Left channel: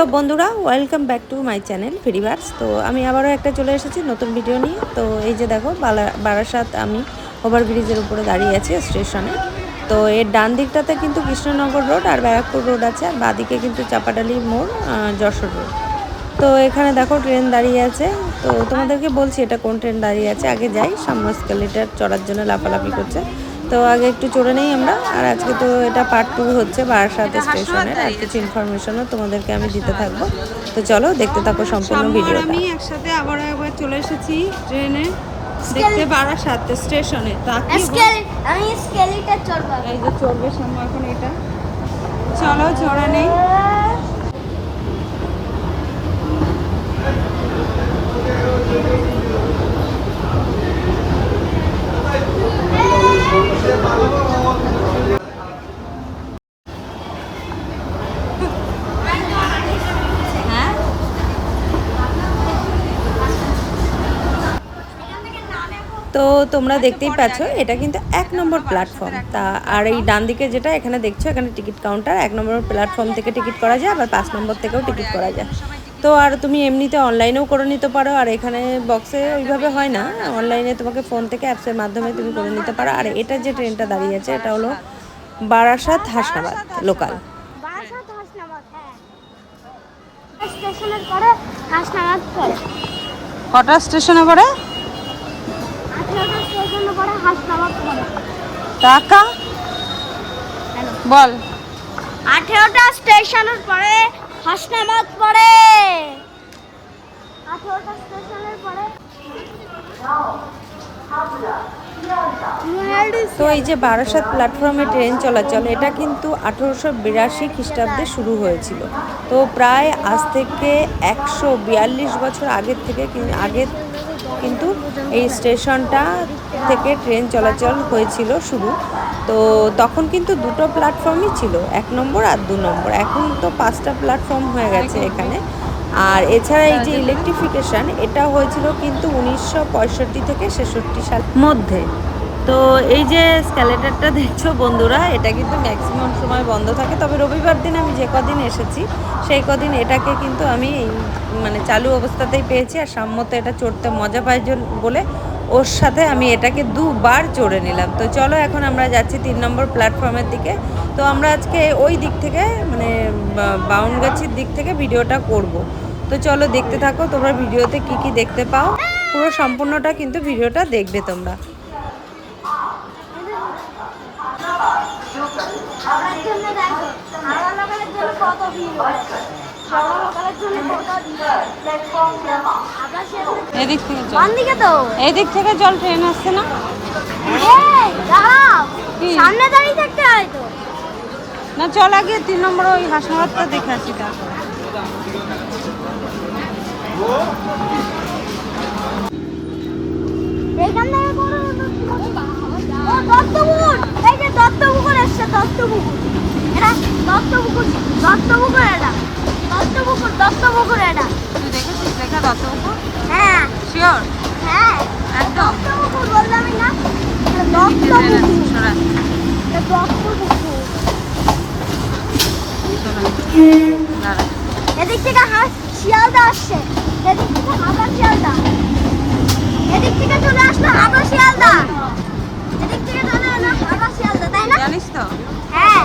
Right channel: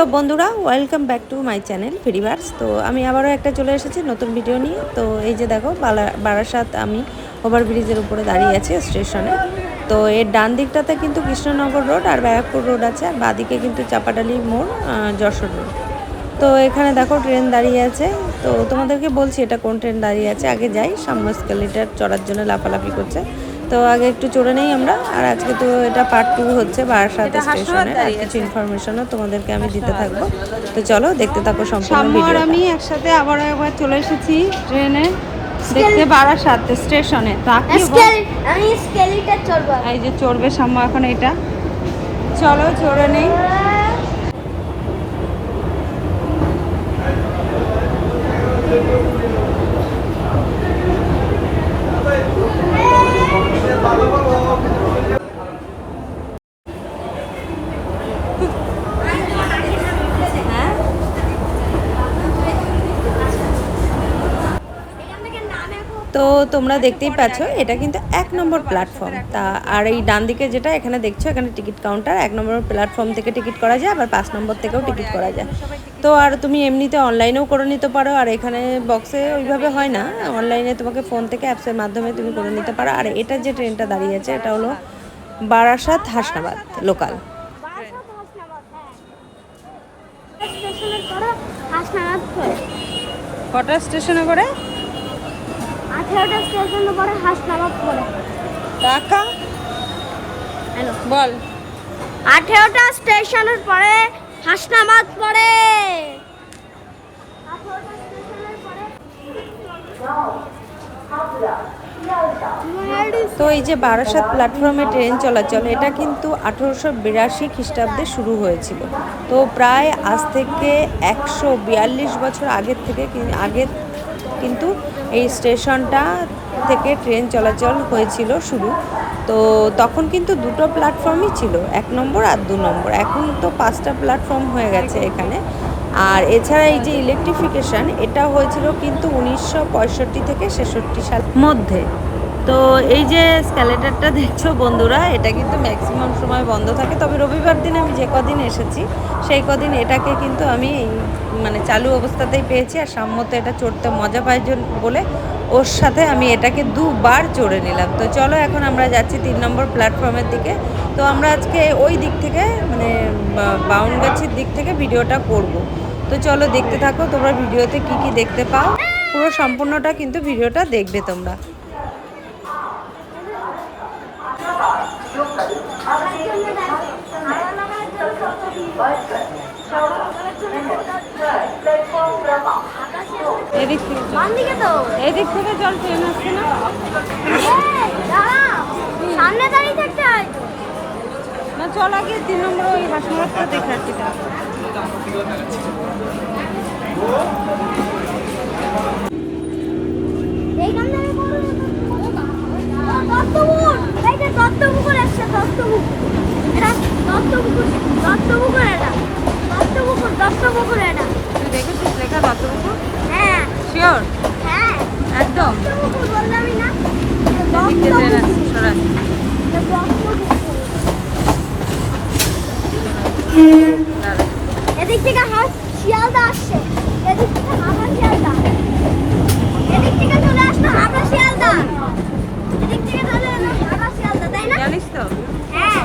তো বন্ধুরা welcome back to my channel ফিরিভার্স তো আমি আবারও একটা চলে এসেছি নতুন ভিডিও নিয়ে। তো এই যে দেখো বারাসাত আমি ওভারব্রিজের উপরে দাঁড়িয়ে আছি স্টেশনে তো এর ডান দিকটাতে কিন্তু কৃষ্ণনগর রোড আর ব্যারাকপুর রোড আছে, আর বাদিকে কিন্তু চাপাডালি মোড় যশোর রোড তো এখানে দেখো ট্রেন দাঁড়িয়ে আছে। তো তোমাদেরকে বলছি, এটা কোন ট্রেন দাঁড়িয়ে আছে? আগে যাই, সামনে স্কেলিটার চড়ার জন্য লাফালাফি করছে। তো আগে একটু চড়ে নেই আমরা আর আজকে তো এটা পার্ট টু হচ্ছে বারাসাত স্টেশনের আর কিছু ইনফরমেশনও তোমাদেরকে আমি দিতে থাকব। তো চলো দেখতে থাকো সম্পূর্ণ ভিডিওটা আমি একসাথে আবার একবার চলে এসেছি ট্রেনে। দেখতে বারাসাত স্টেশনে আমি স্কেলিটা চড়বো। এই যে চড়বে সাম্য এখন এটা। চলো চড়ে নেই। তো তোমরা দেখতেই পাচ্ছ এটা কিন্তু এক নম্বর প্ল্যাটফর্ম তা আর এই ডান দিকে যেটা এখানে দেখছ এখানে টিকিট কাউন্টার এক নম্বর প্ল্যাটফর্ম থেকে টিকিট করা যায় আবার পাঁচ নম্বর থেকেও টিকিট করা যায়। তো আর তুমি এমনিতে অনলাইনেও করে নিতে পারো আর এখানে বক্সে ওইভাবে হয় না। অনলাইনে তোমাকে ফোন থেকে অ্যাপসের মাধ্যমে তুমি করে নিতে পারো। আর এটা যে ট্রেনটা দাঁড়িয়ে আছে এটা হলো বারাসাত হাসনাবাদ লোকাল পরে কটা স্টেশনে করে আঠেরোটা স্টেশনের পরে হাসনাবাদ পরে টাকা হ্যালো বল। আঠেরোটা স্টেশনের পরে তো এই যে বারাসাত প্ল্যাটফর্মে ট্রেন চলাচল এটা কিন্তু আঠেরোশো বিরাশি খ্রিস্টাব্দে শুরু হয়েছিল। তো প্রায় আজ থেকে একশো বিয়াল্লিশ বছর আগের থেকে কি- আগে কিন্তু এই স্টেশনটা থেকে ট্রেন চলাচল হয়েছিল শুরু। তো তখন কিন্তু দুটো প্ল্যাটফর্মই ছিল, এক নম্বর আর দু নম্বর। এখন তো পাঁচটা প্ল্যাটফর্ম হয়ে গেছে এখানে। আর এছাড়া এই যে ইলেকট্রিফিকেশন এটা হয়েছিল কিন্তু উনিশশো পঁয়ষট্টি থেকে ছেষট্টি সাল মধ্যে। তো এই যে স্ক্যালেটারটা দেখছ বন্ধুরা, এটা কিন্তু ম্যাক্সিমাম সময় বন্ধ থাকে। তবে রবিবার দিন আমি যে কদিন এসেছি, সেই কদিন এটাকে কিন্তু আমি মানে চালু অবস্থাতেই পেয়েছি। আর সাম্যতে এটা চড়তে মজা পাই বলে ওর সাথে আমি এটাকে দুবার চড়ে নিলাম। তো চলো এখন আমরা যাচ্ছি তিন নম্বর প্ল্যাটফর্মের দিকে। তো আমরা আজকে ওই দিক থেকে মানে বাউনগাছির দিক থেকে ভিডিওটা করব। তো চলো দেখতে থাকো তোমরা ভিডিওতে কি কি দেখতে পাও। পুরো সম্পূর্ণটা কিন্তু ভিডিওটা দেখবে তোমরা। এদিক থেকে চল কোন দিকে তো। এই থেকে জল ট্রেন আসছে না? সামনে দাঁড়িয়ে থাকতে হয় না চল আগে তিন নম্বর ওই হাসনাবাদটা দেখে আসি তারপর। দত্তপুকুর। এই যে দত্তপুকুর এসছে, দত্তপুকুর। এটা দত্তপুকুর, দত্তপুকুর এটা। দত্তপুকুর, দত্তপুকুর এটা। তুই দেখেছিস লেখা দত্তপুকুর? হ্যাঁ, শিওর হ্যাঁ। একদম। দত্তপুকুর বললামই না? এটা এদিক সরা থেকে হাঁস শিয়ালদা আসছে। এদিক থেকে হাঁটা শিয়ালদা। এদিক থেকে চলে আসছে হাঁটা শিয়ালদা। এদিক থেকে চলে এলো হাঁটা শিয়ালদা তাই না? জানিস তো? হ্যাঁ।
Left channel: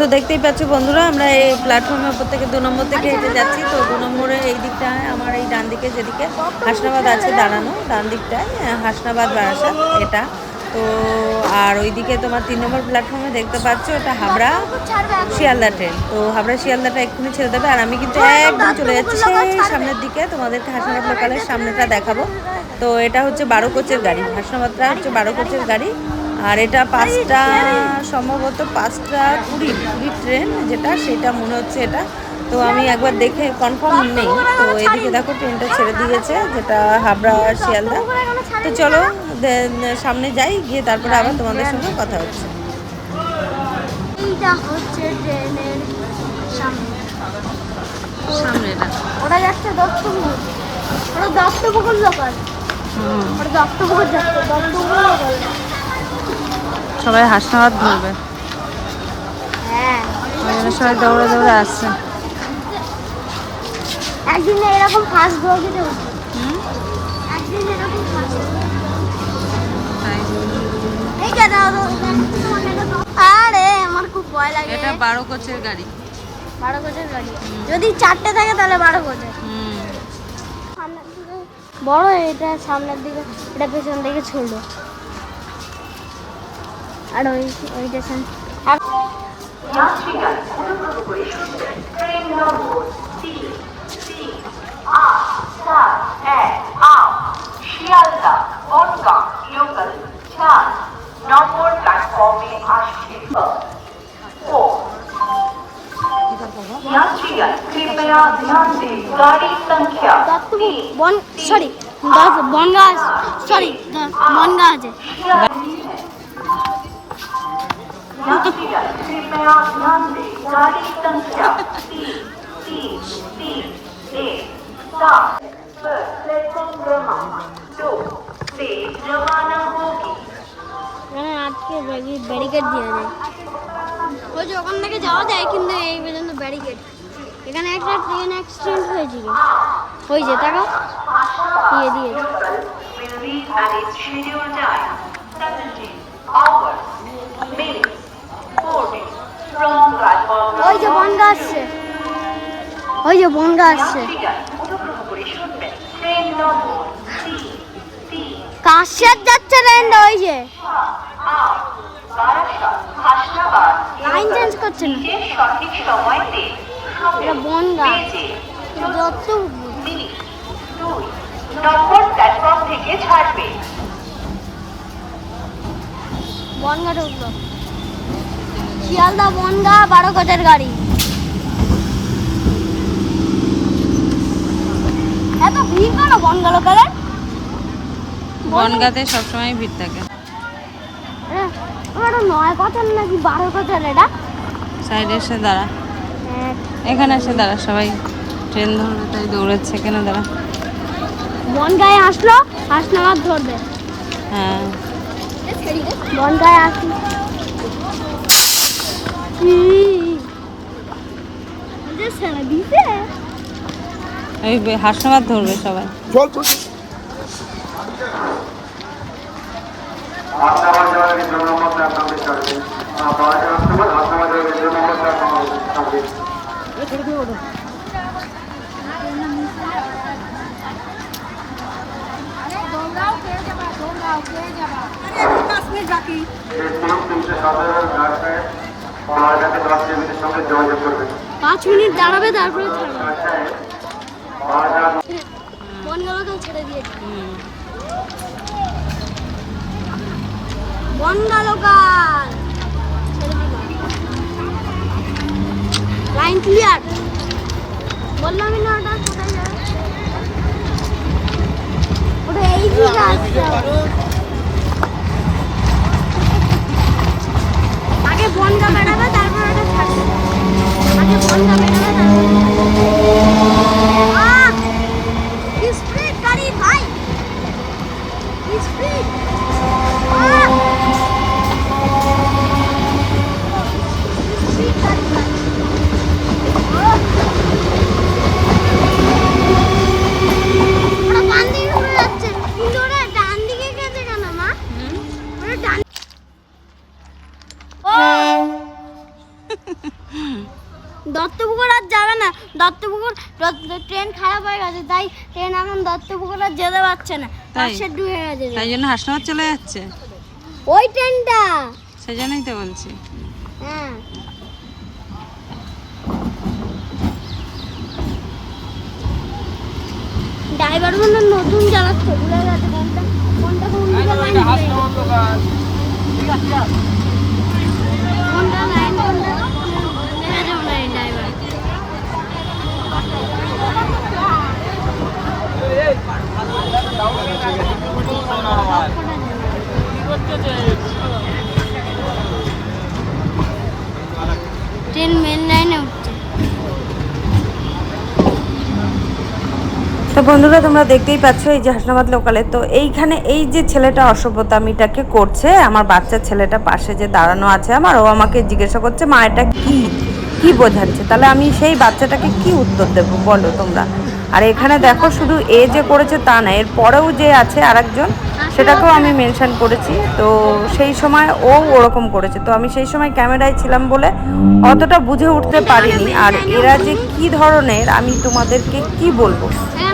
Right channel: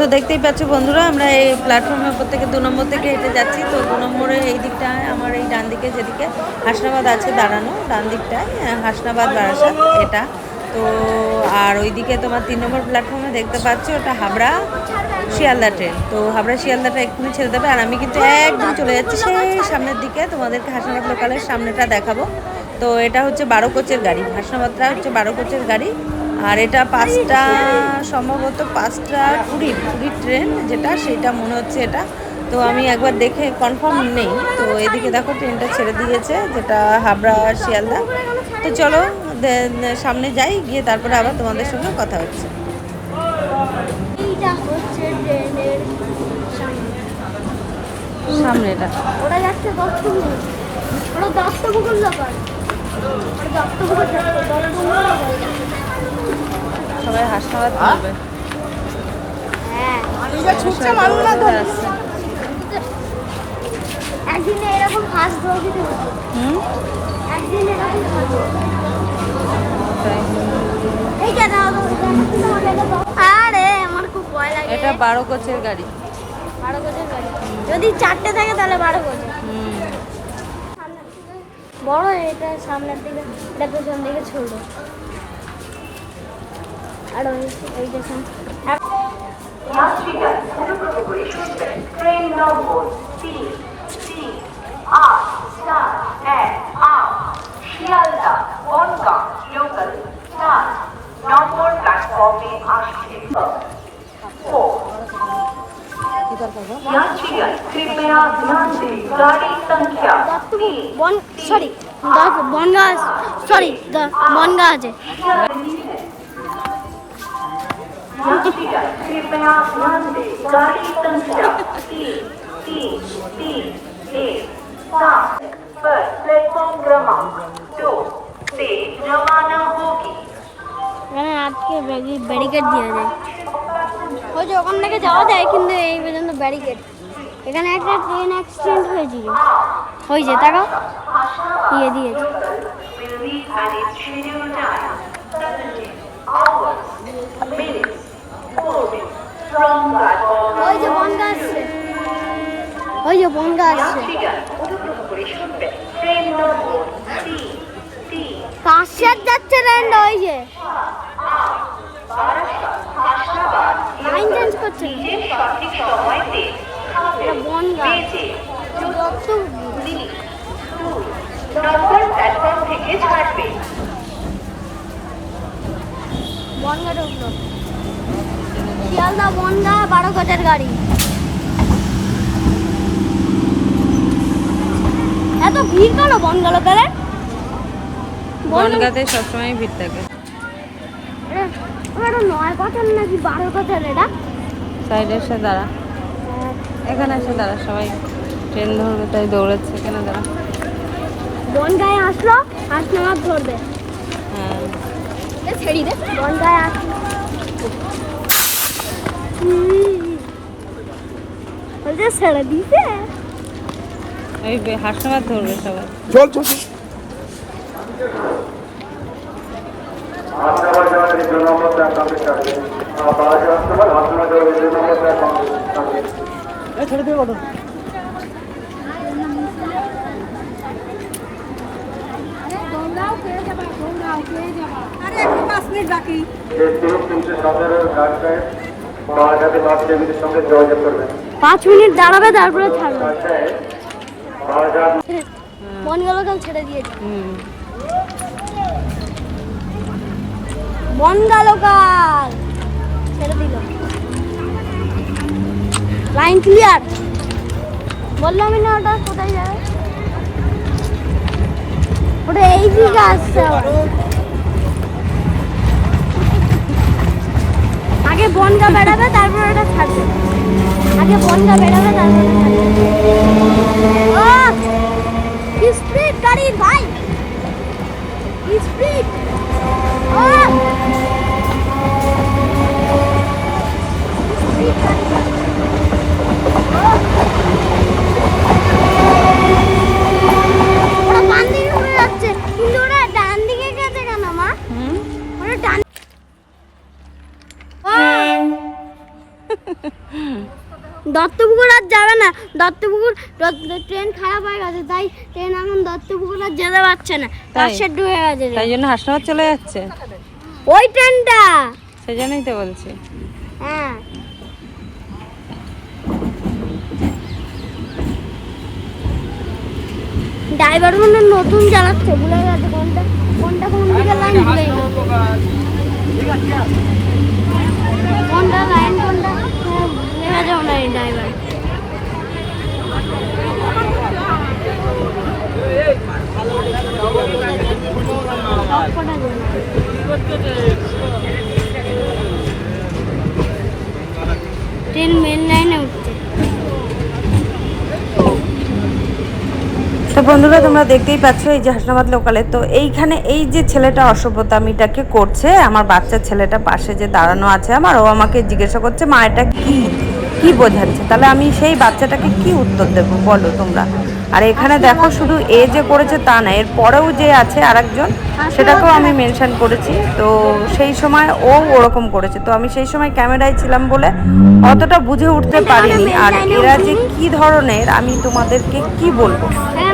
তো দেখতেই পাচ্ছ বন্ধুরা, আমরা এই প্ল্যাটফর্মের উপর থেকে দু নম্বর থেকে হেঁটে যাচ্ছি। তো দু নম্বরে এই দিকটায় আমার এই ডান দিকে যেদিকে হাসনাবাদ আছে দাঁড়ানো, ডান দিকটায় হাসনাবাদ বারাসাত, এটা। তো আর ওইদিকে তোমার তিন নম্বর প্ল্যাটফর্মে দেখতে পাচ্ছ এটা হাবড়া শিয়ালদা ট্রেন তো হাবড়া শিয়ালদাটা এক্ষুনি ছেড়ে দেবে, আর আমি কিন্তু একদম চলে যাচ্ছি সেই সামনের দিকে। তোমাদেরকে হাসনাবাদ লোকালের সামনেটা দেখাবো। তো এটা হচ্ছে বারো কোচের গাড়ি, হাসনাবাদটা হচ্ছে বারো কোচের গাড়ি। আর এটা পাঁচটা সম্ভবত পাঁচটা কুড়ির কুড়ির ট্রেন যেটা সেটা মনে হচ্ছে এটা। তো আমি একবার দেখে কনফার্ম নেই। তো এদিকে দেখো ট্রেনটা ছেড়ে দিয়েছে যেটা হাবড়া শিয়ালদা। তো চলো সামনে যাই গিয়ে তারপরে আবার তোমাদের সঙ্গে কথা হচ্ছে। সামনেটা ওটা যাচ্ছে দত্তপুকুর ওটা দত্তপুকুর সবাই হাসনাবাদ ধরবে। হ্যাঁ সবাই দৌড়ে দৌড়ে আসছে। এটা আরে আমার খুব ভয় লাগে। এটা বারো কোচের গাড়ি। যদি চারটে থাকে তাহলে বারো হুম। বড় এটা সামনের দিকে এটা পেছন দিকে ছোট আর ওই ওই স্টেশন ট্রেন নম্বর আট সাত এক বনগা লোকাল সরি বনগা আছে। कृपया ध्यान दें गाड़ी संख्या तीन तीन तीन एक सात पर प्लेटफॉर्म क्रमांक दो से रवाना होगी এখানে আজকে ব্যারিকেড দেওয়া যায় ওই যে ওখান থেকে যাওয়া যায় কিন্তু এই পর্যন্ত ব্যারিকেড এখানে একটা ট্রেন অ্যাক্সিডেন্ট হয়েছিল হয়েছে তারা দিয়ে দিয়েছে will leave at its scheduled time. Hours, minutes, moving from platform ওই যে বনগা আসছে ওই যে বনগা আসছে কাশিয়ার যাচ্ছে ট্রেনটা ওই যে। লাইন চেঞ্জ করছে না। বনগা। যত নম্বর প্ল্যাটফর্ম থেকে ছাড়বে। উপর। শিয়ালদা বনগা বারো কোচের গাড়ি। এত ভিড় কেন বনগা লোকালে বনগাতে সবসময় ভিড় থাকে। হ্যাঁ নয় কোচের নাকি বারো কোচের এটা। সাইডে এসে দাঁড়া। এখানে এসে দাঁড়া সবাই ট্রেন ধরবে তাই দৌড়াচ্ছে। এখানে দাঁড়া। বনগায় আসলো হাসনাবাদ ধরবে। হ্যাঁ। বনগায় আসলো। বে- হাসনাবাদ ধরবে সবাই। হাসনাবাদ যাওয়ার যে সঙ্গে যোগাযোগ করবেন। পাঁচ মিনিট দাঁড়াবে তারপরে বারঘাট বনগা লোকাল ছেড়ে দিয়েছে। লোকাল ছেড়ে দিল। Line clear? বললাম না ওটা কোথায় যাবে এই দিকে আসছে। বনগা বেড়াবে তারপর এটা ছাড়বে। আগে বনগা বেড়াবে তারপর দত্তপুকুর ট্রেন খারাপ হয়ে গেছে তাই ট্রেন এখন দত্তপুকুর আর যেতে পারছে না তাই? শেড গেছে। তাই জন্য হাসনাবাদ চলে যাচ্ছে? ওই ট্রেনটা! সেই জন্যই তো বলছি। হ্যাঁ। ড্রাইভার মনে নতুন চালাচ্ছে কোনটা কোনটা? তো বন্ধুরা, তোমরা দেখতেই পাচ্ছ এই যে হাসনাবাদ লোকালে তো এইখানে এই যে ছেলেটা অসভ্যতামিটাকে করছে, আমার বাচ্চা ছেলেটা পাশে যে দাঁড়ানো আছে আমার, ও আমাকে জিজ্ঞাসা করছে, মা, এটা কি? কি বোঝাচ্ছে? তাহলে আমি সেই বাচ্চাটাকে কি উত্তর দেবো? বলো তোমরা। আর এখানে দেখো শুধু এ যে করেছে তা না, এর পরেও যে আছে আরেকজন, সেটাকেও আমি মেনশন করেছি। তো সেই সময় ও ওরকম করেছে। তো আমি সেই সময় ক্যামেরায় ছিলাম বলে অতটা বুঝে উঠতে পারিনি। আর এরা যে কি ধরনের, আমি তোমাদেরকে কি বলব?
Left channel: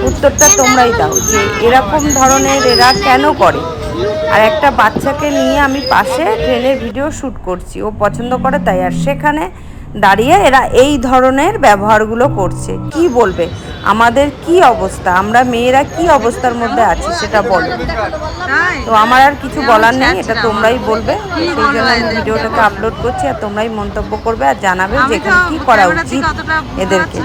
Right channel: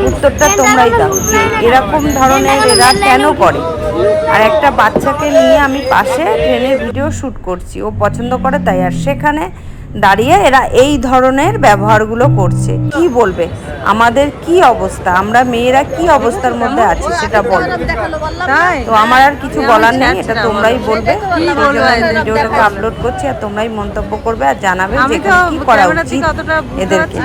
উত্তরটা তোমরাই দাও যে এরকম ধরনের এরা কেন করে। আর একটা বাচ্চাকে নিয়ে আমি পাশে ট্রেনের ভিডিও শ্যুট করছি। ও পছন্দ করে, তাই আর সেখানে দাঁড়িয়ে এরা এই ধরনের ব্যবহারগুলো করছে। কি বলবে? আমাদের কি অবস্থা? আমরা মেয়েরা কি অবস্থার মধ্যে আছি সেটা বলো। তো আমার আর কিছু বলার নেই এটা তোমরাই বলবে। কি সেই জন্য আমি ভিডিওটাকে আপলোড করছি আর তোমরাই মন্তব্য করবে আর জানাবে যে এখানে কি করা উচিত এদেরকে।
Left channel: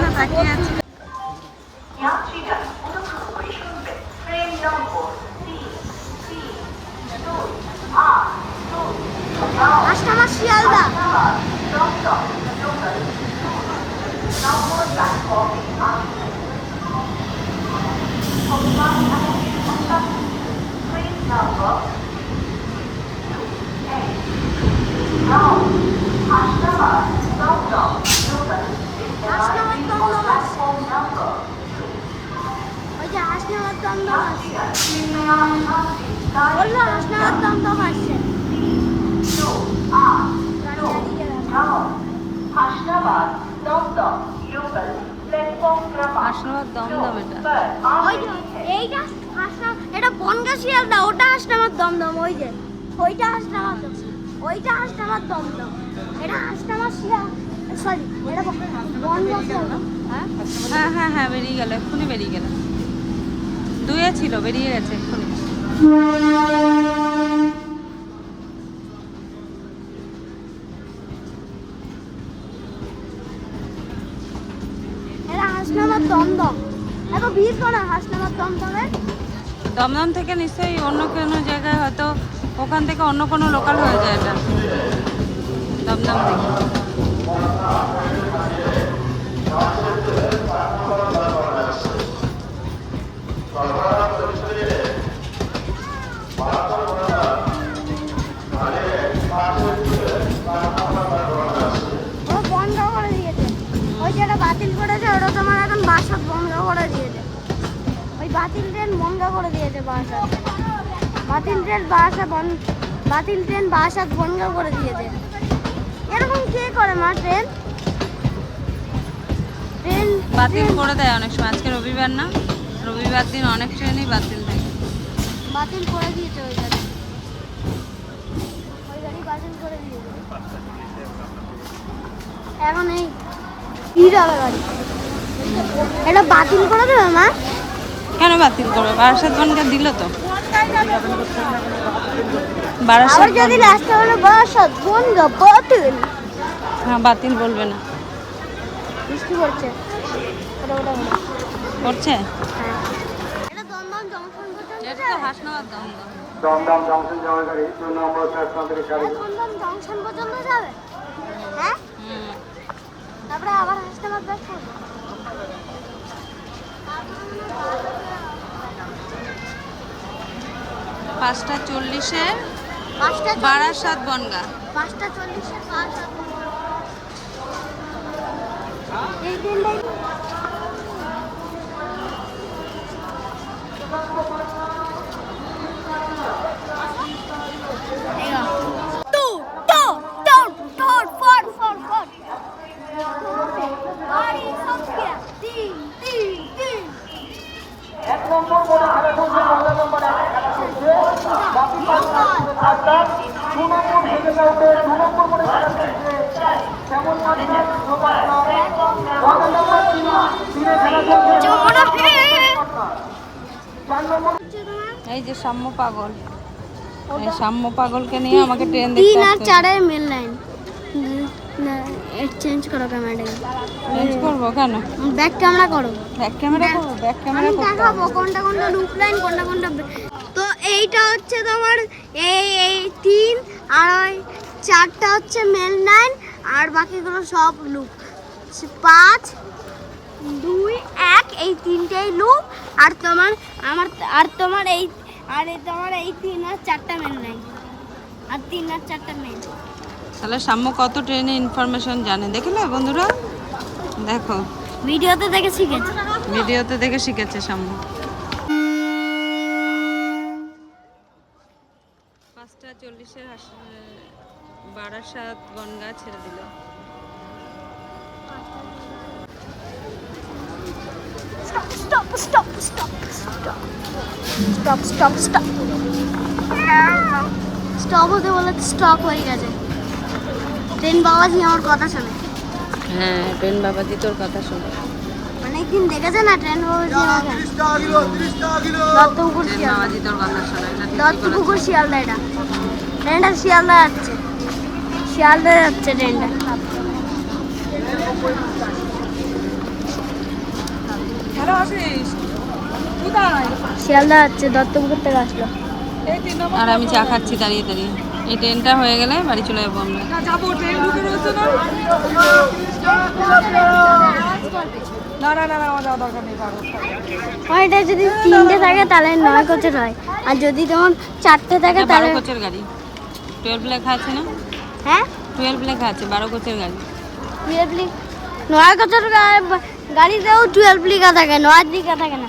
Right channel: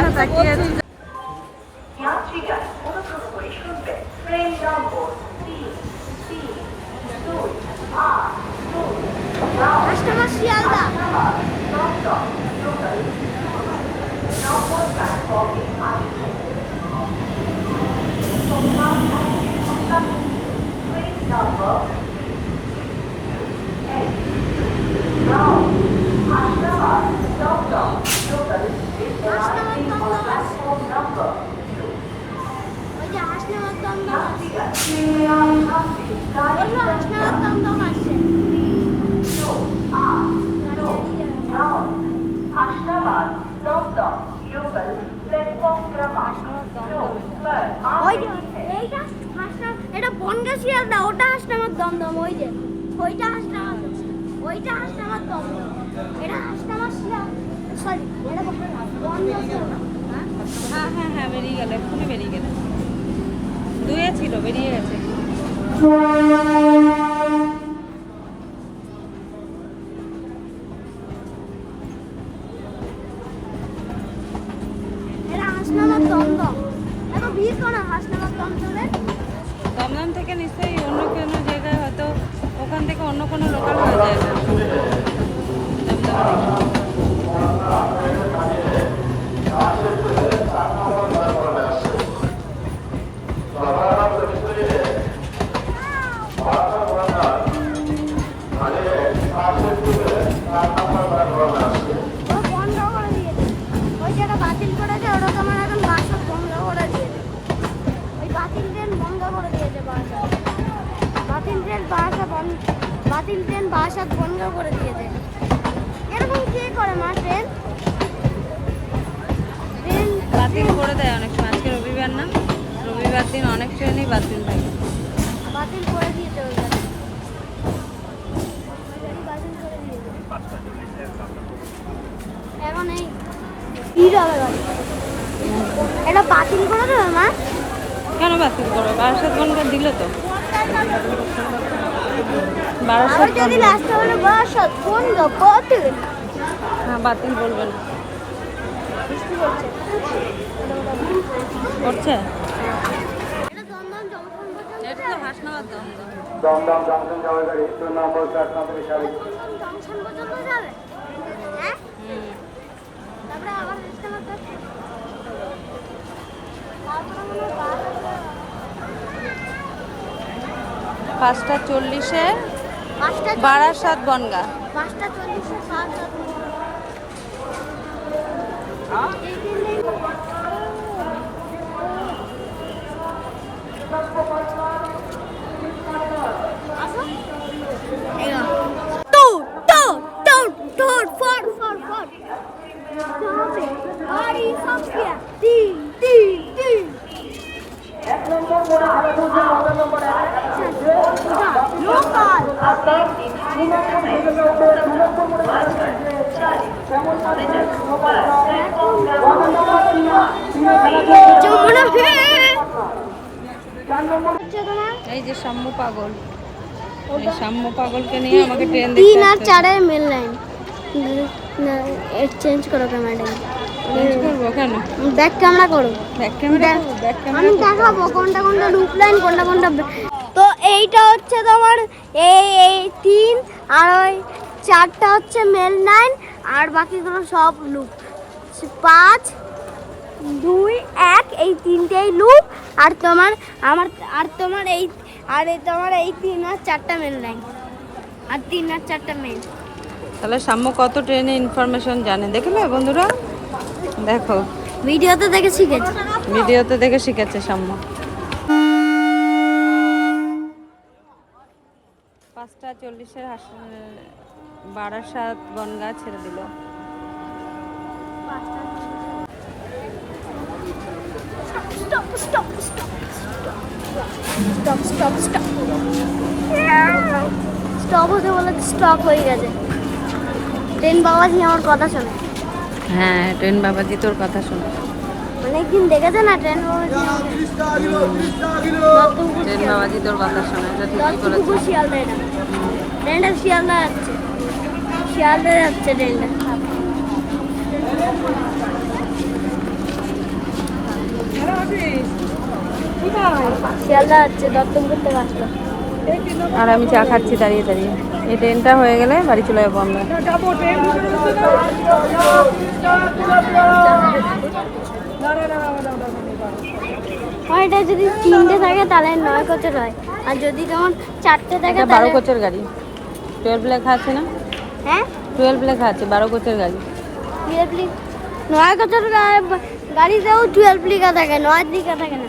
পারছি Wala, mas nakatambak kasi. Hasnabad Dumdum এটা। ওই যে এইটা হাসনা এটা বনগা শিয়ালদা ওটা হাসনাবাদ দমদম ওই যে। ওইটা হাসনাবাদ ওইটা হাসনাবাদ দমদম এটা হাসনাবাদ শিয়াল সরি এটা বনগা শিয়ালদা হ্যাঁ? হ্যাঁ হ্যাঁ হ্যাঁ বেরিয়ে গেল এক্ষুনি বেরিয়ে গেল। দুয়ে ছিল বেরিয়ে গেছে। ওখান থেকে অন্য কোনো লোকাল হয়ে যায় এটা দমদম এখন বাতিল ট্রেন বাসা বন্ধ বাতিল ট্রেন বাসাত বন্ধ করে দিয়েছে। এরকম কে করে মা ট্রেন? ট্রেন বাতিল করে দেয় অনেক সময়। আজকে রবিবার না? রবিবার দিন অনেক ট্রেনই বাতিল থাকে। বাতিল করে দিয়েছে ওই গাড়ি। ওই গাড়ি বাতিল করে দিয়েছে। এখন এই ভিড় হবে গাড়ি এটা বাতিল করে দেবে মা? কেন বাতিল করবে? বারাসাত বনটা দিল তো। বারাসাত যদি। লাস্টে বলে বাসাত বন্ধ বাতিল। হ্যাঁ বাতিল বলবে না। বৃষ্টি পড়ছে। এটা দমদম জংশন যাওয়ার গাড়ি দুই নম্বর প্ল্যাটফর্ম থেকে ছাড়বে দমদম জংশন পর্যন্ত যাবে? হ্যাঁ? তারপরে আবার তারপরে বাস আছে। পাঁচটা চল্লিশে বারা সাত বনগা। পাঁচটা চল্লিশে পাঁচ गाड़ी পাগল। সাম্য পাগলকে নিয়ে আমাকে ট্রেন দেখতে তিন আর চারের মেল লাইন চেঞ্জ করো ক্যামেরাটা চেঞ্জ করব কেন? ব্যাক ক্যামেরা করো। ব্যাক ক্যামেরা আমি দেখাবো কোনটা কোনটা লুপ লাইন কোনটা কোনটা তো এইটা হচ্ছে তোমার এই এই তিন আর ওই চারটা হচ্ছে মেল লাইন আর বাকিগুলো সব লুপ পাঁচ দুই এক এই তিনটেই লুপ আর তোমার আমার আর তোমার এই আর এই তোমার এই তিন আর চারটা মেন লাইন আর তিন আর চারটা মেন তাহলে সাম্য কত ট্রেনে ইনফরমেশন জানে? দেখলে বন্ধুরা। দেখো। ভিডিওতে দেখে শিখেছি। ভিডিওতে দেখে শিখেছে সাম্য। পাঁচটা চল্লিশের বারাসাত বনগা ছেড়ে দিল। Stop stop stop stop stop stop stop হতে বলে স্টপ হয়ে গেছে। ট্রেন বাবাজি আমার কথা শোনে। হ্যাঁ ট্রেন বাবাজি তোর কথা শুনে। অনেকদিন দেখেছে না ট্রেন বাবাজি ট্রেন শিয়ালদা। বাবাজি তোর কথা শোনে। এটা ঠিকই বলেছে শিয়ালদা এটা ট্রেনটা শিয়ালদা যাচ্ছে। শিয়ালদা যাচ্ছে ট্রেনটা। শিয়ালদা যাচ্ছে দত্তপুকুর থেকে আসলো। আর আমি চা খাচ্ছি দাঁড়িয়ে দাঁড়িয়ে। এই ট্রেনটা হয়ে গেলে বাড়ি চলে যাব আমরা। আমার এটা যদি তিনটে থাকে তাহলে নয় কোচের হয়। আর যদি তোমার চারটে থাকে বারো কোচের গাড়ি। টুয়েলভ লেখা আছে না? হ্যাঁ? টুয়েলভ লেখা আছে বারো কোচের গাড়ি। টুয়েলভ নয় কোচের গাড়িতেও টুয়েলভ লিখা থাকে নয় লিখা থাকে না।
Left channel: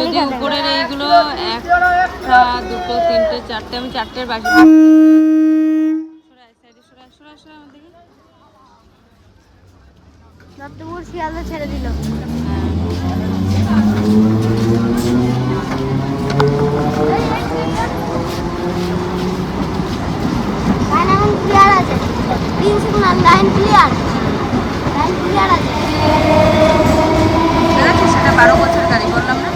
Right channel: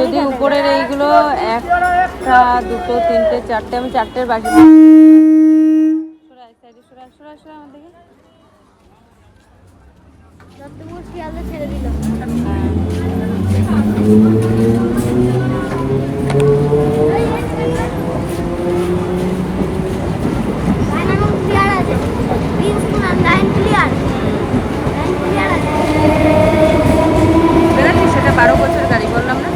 যদি উপরের এইগুলো একটা দুটো তিনটে চারটে আমি চারটের বাকি ছেড়ে দিল। হ্যাঁ। লাইন ক্লিয়ার আছে green signal line clear line clear আছে বেরোচ্ছি সেটা বারো কোচের গাড়ি বললাম না?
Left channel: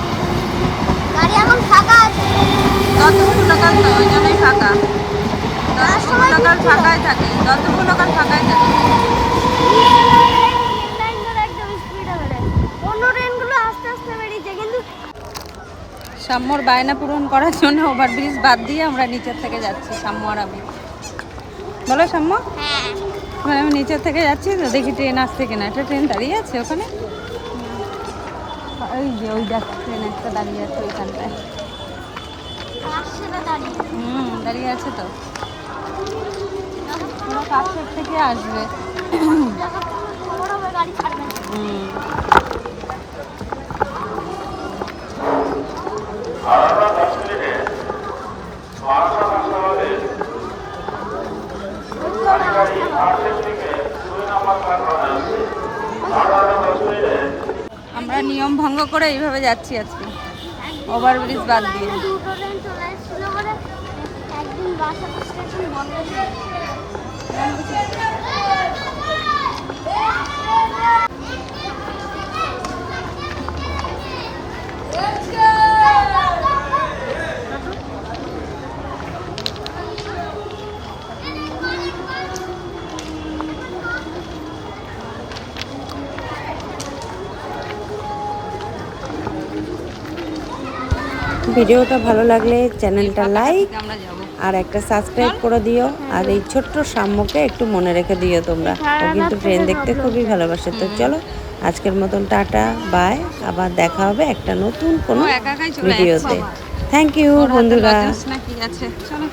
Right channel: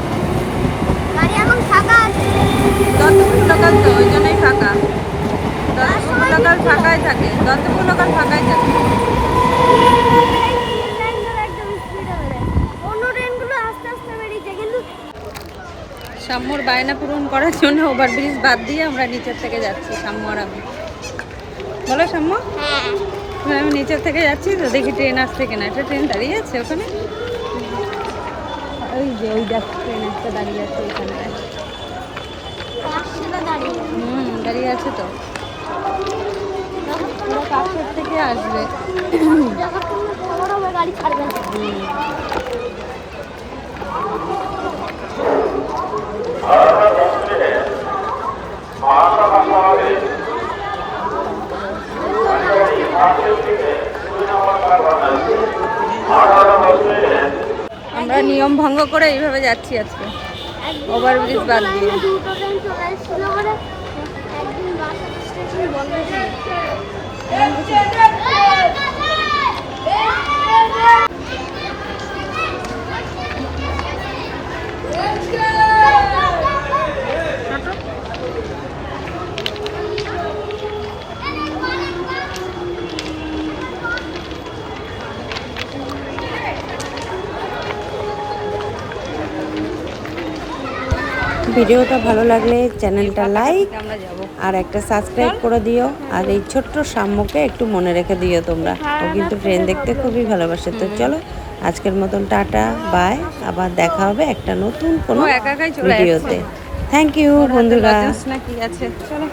দত্তপুর লোকাল তো ওই জন্যই ফাঁকা। দত্তপুর লোকাল ফাঁকাই থাকে দত্তপুর লোকাল ফাঁকাই থাকে। সাম্যর বায়না পূরণ করার জন্য ওভারব্রিজ বাদ দিয়ে আমরা নিচের থেকে যাচ্ছি সাম্য আর আমি। বলো সাম্য? হ্যাঁ। আমি নিচের থেকে যাচ্ছি তো দেখি ট্রেন আসছে কিনা। একটা ট্রেন দাঁড়িয়ে আছে ওখানে। ওই যে ওই যাচ্ছে ট্রেন একটা দাঁড়িয়ে আছে ওইখানটায় হুম দাঁড়িয়ে আছে তো। পুরো কাছের থেকে আসবে। গাড়ি ছাড়বে। হুম আমরা নিয়ম ভঙ্গ করে এইভাবে যাচ্ছি আজকে Overbridge বাদ দিয়ে। দুটো ট্রেন চলে এসেছিল বলে একদিন বাস স্টেশন বন্ধ ছিল বন্ধ ছিল। ভিডিওটা ভালো লাগলে চ্যানেলটা লাইক আর একটা সাবস্ক্রাইব করে দিও। আর এই ছোট্ট সাম্যকে একটু মনে রেখে দিও তোমরা। ও কিন্তু ট্রেন দেখতে খুবই ভালোবাসে। তো চলো আজকের মতন টাটা বাই আবার দেখা হবে একটা নতুন কোনো ভিডিওতে থ্যাংক ইউ বন্ধুরা। কি আছে? চলো।